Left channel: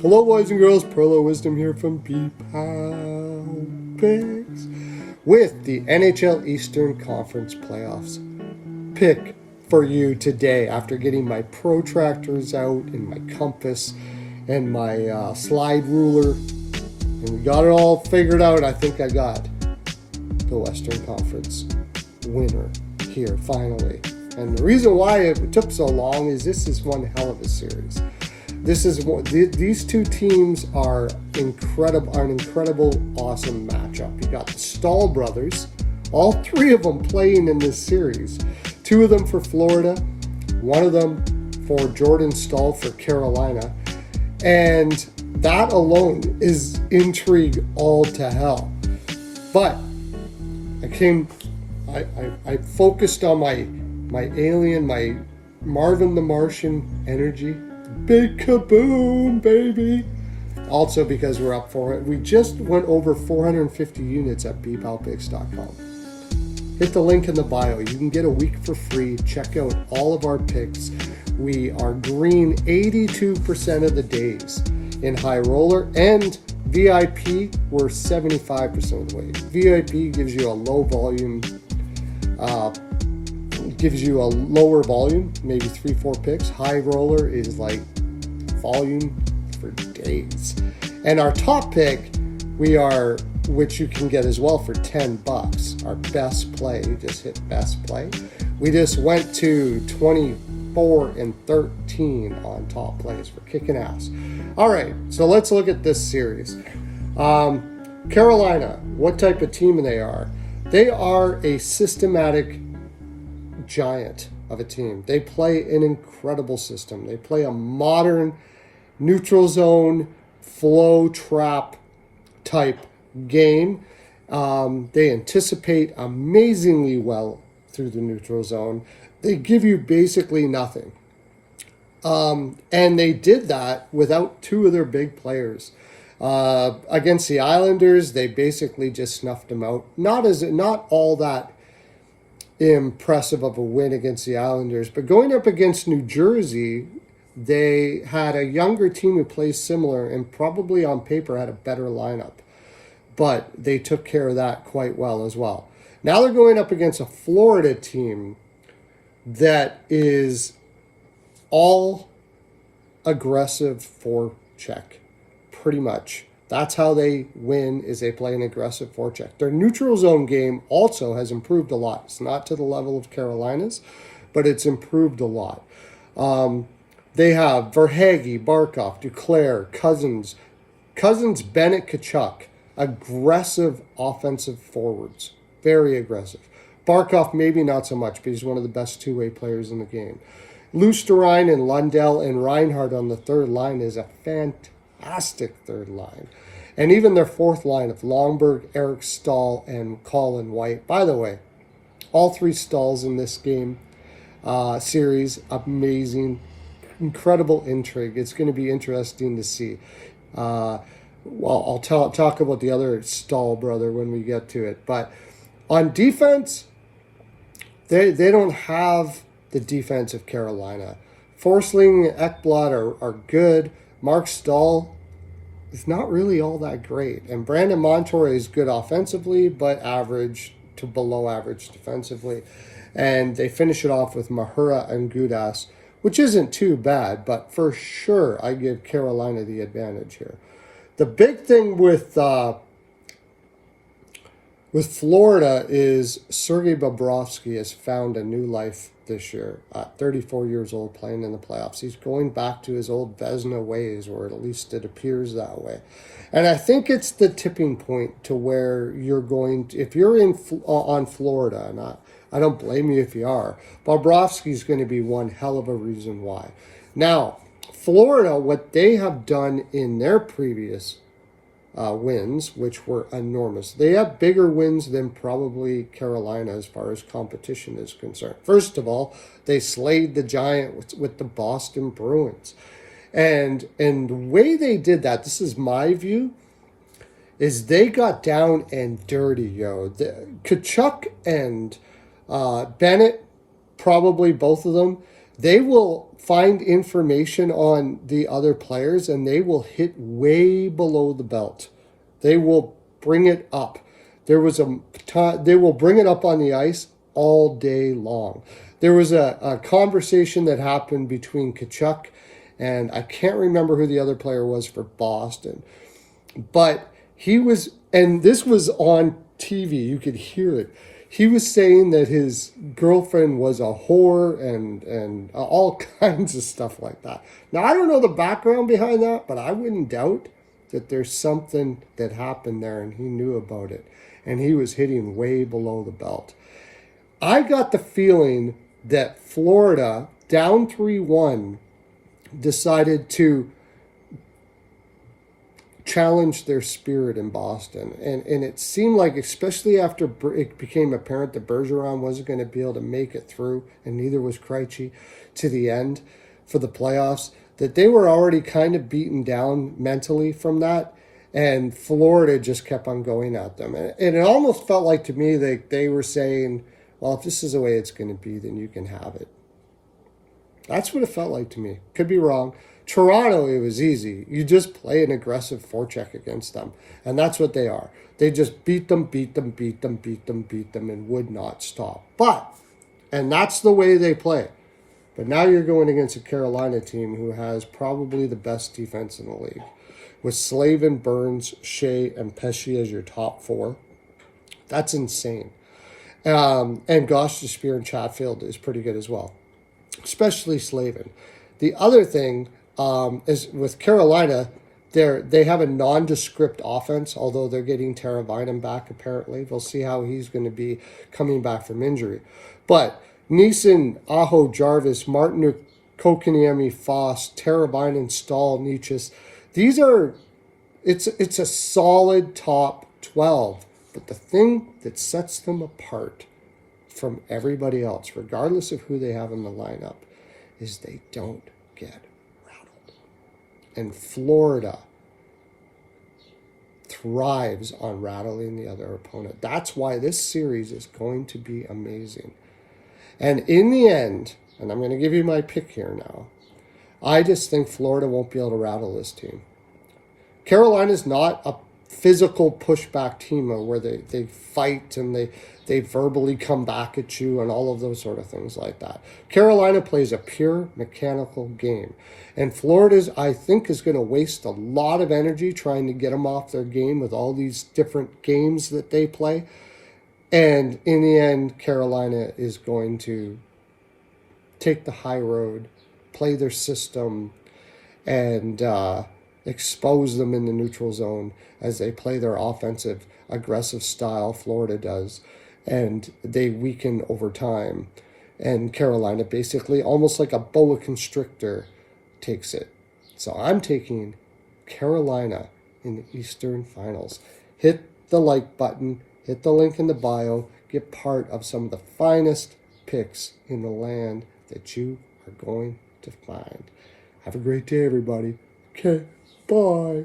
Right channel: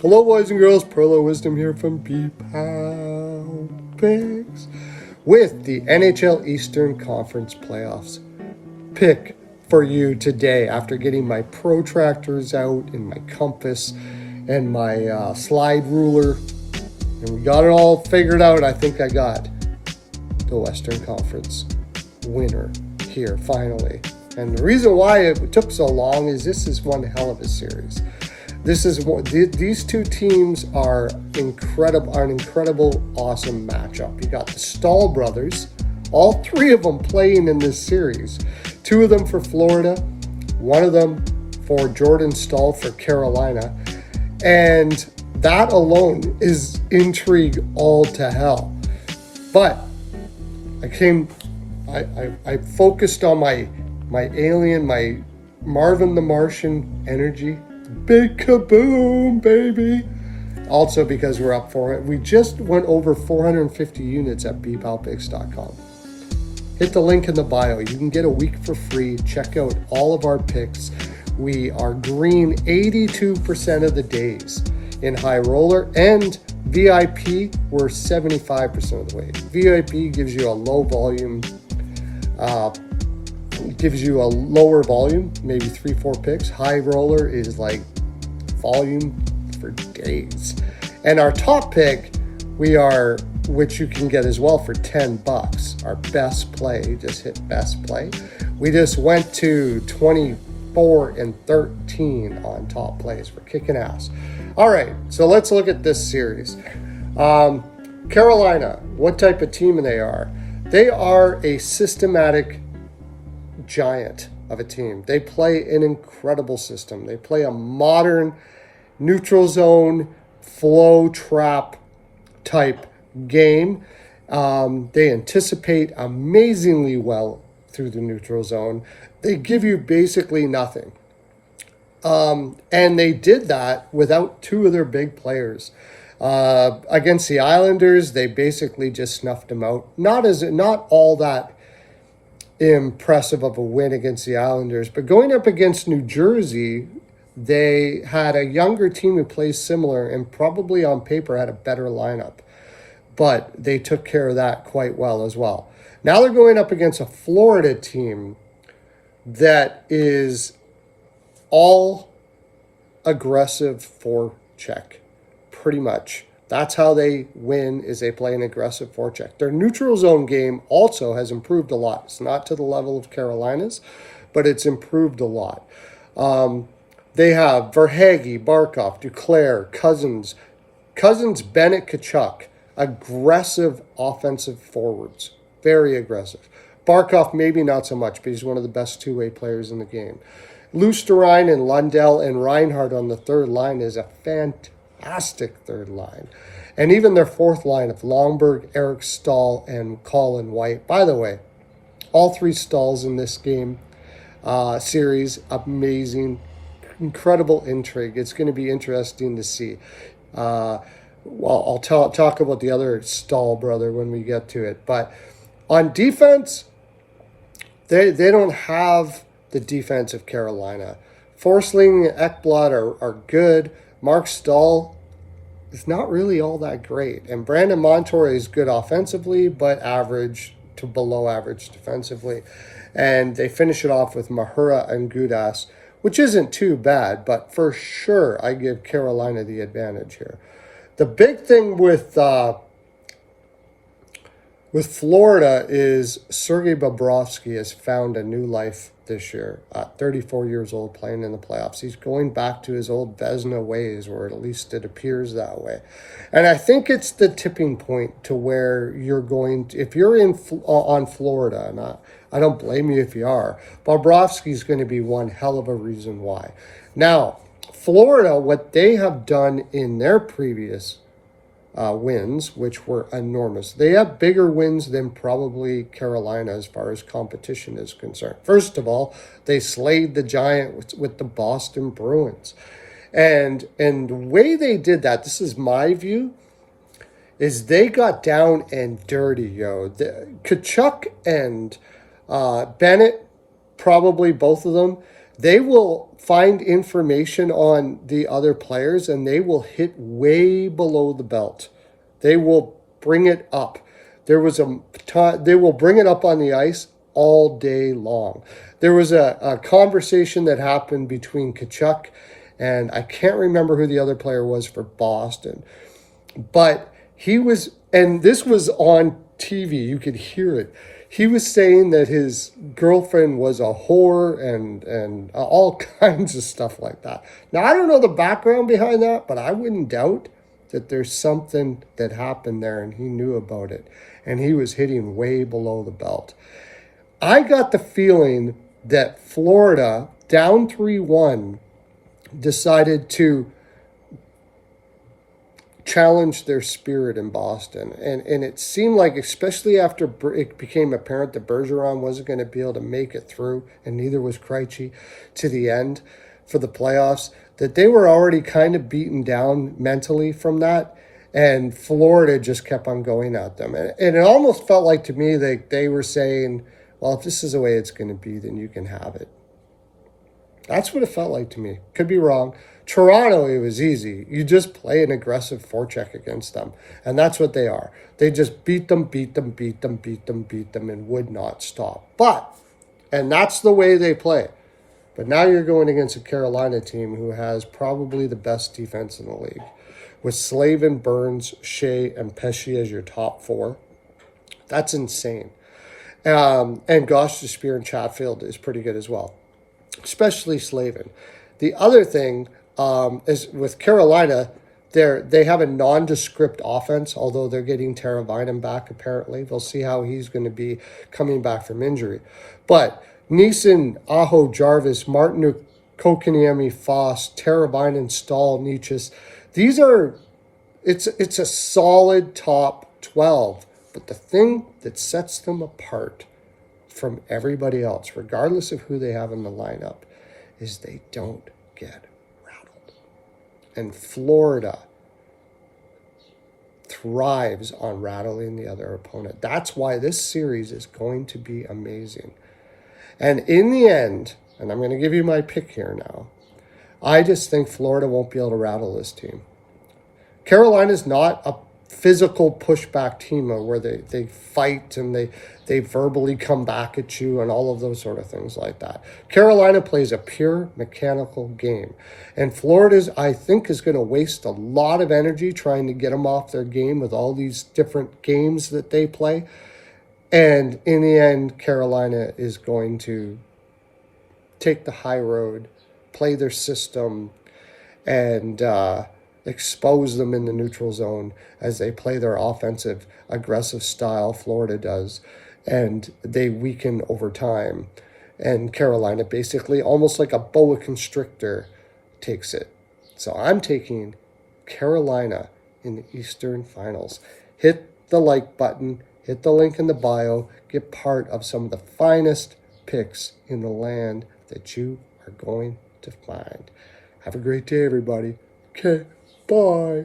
Hello, boys and girls. Perlo Wisdom here from P-Pal Picks with the NHL Eastern Conference Playoffs pick for you today after getting my protractors out and my compass and my slide ruler. And we got it all figured out. I think I got the Western Conference winner here finally. And the reason why it took so long is this is one hell of a series. These two teams are incredible, an incredible, awesome matchup. You got the Stahl brothers, all three of them playing in this series. Two of them for Florida, one of them for Jordan Stahl for Carolina. And that alone is intrigue all to hell. But I focused on my alien, my Marvin the Martian energy. Big kaboom, baby. Also because we're up for it. We just went over 450 units at bpalpicks.com. Hit the link in the bio. You can get a week for free. Check out all of our picks. We are green 82% of the days in high roller, and VIP, we're 75% of the way. VIP gives you a low volume, gives you a lower volume, maybe 3-4 picks. High roller is like volume for days. And our top pick, which you can get as well for $10. Our best play, just hit best play. We just went to 24 and 13 on top plays. We're kicking ass. All right, so let's look at this series. Carolina, what type of team they are? They are a systematic giant of a team. They play an incredible system. They play a modern neutral zone flow trap type game. They anticipate amazingly well through the neutral zone. They give you basically nothing. And they did that without two of their big players. Against the Islanders, they basically just snuffed them out. Not all that impressive of a win against the Islanders, but going up against New Jersey, they had a younger team who plays similar and probably on paper had a better lineup, but they took care of that quite well as well. Now they're going up against a Florida team that is all aggressive forecheck, pretty much. That's how they win, is they play an aggressive forecheck. Their neutral zone game also has improved a lot. It's not to the level of Carolina's, but it's improved a lot. They have Verhaeghe, Barkov, Duclair, Cousins, Bennett, Tkachuk. Aggressive offensive forwards. Very aggressive. Barkov, maybe not so much, but he's one of the best two-way players in the game. Lusterine and Lundell and Reinhardt on the third line is a fantastic third line. And even their fourth line of Longberg, Eric Stahl, and Colin White. By the way, all three Stahls in this game series, amazing, incredible intrigue. It's going to be interesting to see. I'll talk about the other Stahl brother when we get to it. But on defense, they don't have the defense of Carolina. Forsling and Ekblad are good. Mark Stahl is not really all that great. And Brandon Montour is good offensively, but average to below average defensively. And they finish it off with Mahura and Gudas, which isn't too bad, but for sure I give Carolina the advantage here. The big thing with Florida is Sergei Bobrovsky has found a new life this year. 34 years old, playing in the playoffs. He's going back to his old Vezina ways, or at least it appears that way. And I think it's the tipping point to where you're going to, if you're on Florida, and I don't blame you if you are, Bobrovsky's going to be one hell of a reason why. Now, Florida, what they have done in their previous wins, which were enormous. They have bigger wins than probably Carolina as far as competition is concerned. First of all, they slayed the Giant with the Boston Bruins. And the way they did that, this is my view, is they got down and dirty, Tkachuk and Bennett, probably both of them, they will find information on the other players and they will hit way below the belt. They will bring it up. There was a time they will bring it up on the ice all day long. There was a conversation that happened between Kachuk and I can't remember who the other player was for Boston, but he was, and this was on TV, you could hear it. He was saying that his girlfriend was a whore and all kinds of stuff like that. Now, I don't know the background behind that, but I wouldn't doubt that there's something that happened there and he knew about it. And he was hitting way below the belt. I got the feeling that Florida, down 3-1, decided to challenge their spirit in Boston. And it seemed like, especially after it became apparent that Bergeron wasn't going to be able to make it through, and neither was Krejci, to the end for the playoffs, that they were already kind of beaten down mentally from that. And Florida just kept on going at them. And it almost felt like to me they were saying, well, if this is the way it's going to be, then you can have it. That's what it felt like to me. Could be wrong. Toronto, it was easy. You just play an aggressive forecheck against them. And that's what they are. They just beat them, and would not stop. And that's the way they play. But now you're going against a Carolina team who has probably the best defense in the league. With Slavin, Burns, Shea, and Pesce as your top four. That's insane. And Gostisbehere and Chatfield is pretty good as well. Especially Slavin. The other thing is with Carolina, they have a nondescript offense, although they're getting Teravainen back apparently. We'll see how he's going to be coming back from injury. But Neeson, Aho, Jarvis, Martin, Kokaniemi, Foss, Teravainen, Stahl, Nietzsche. It's a solid top 12. But the thing that sets them apart from everybody else, regardless of who they have in the lineup, is they don't get rattled. And Florida thrives on rattling the other opponent. That's why this series is going to be amazing. And in the end, and I'm going to give you my pick here now, I just think Florida won't be able to rattle this team. Carolina's not a physical pushback team where they fight and they verbally come back at you and all of those sort of things like that. Carolina plays a pure mechanical game. And Florida's, I think, is going to waste a lot of energy trying to get them off their game with all these different games that they play. And in the end, Carolina is going to take the high road, play their system, and expose them in the neutral zone as they play their offensive, aggressive style, Florida does, and they weaken over time. And Carolina, basically, almost like a boa constrictor, takes it. So I'm taking Carolina in the Eastern Finals. Hit the like button, hit the link in the bio, get part of some of the finest picks in the land that you are going to find. Have a great day, everybody. Okay. Bye.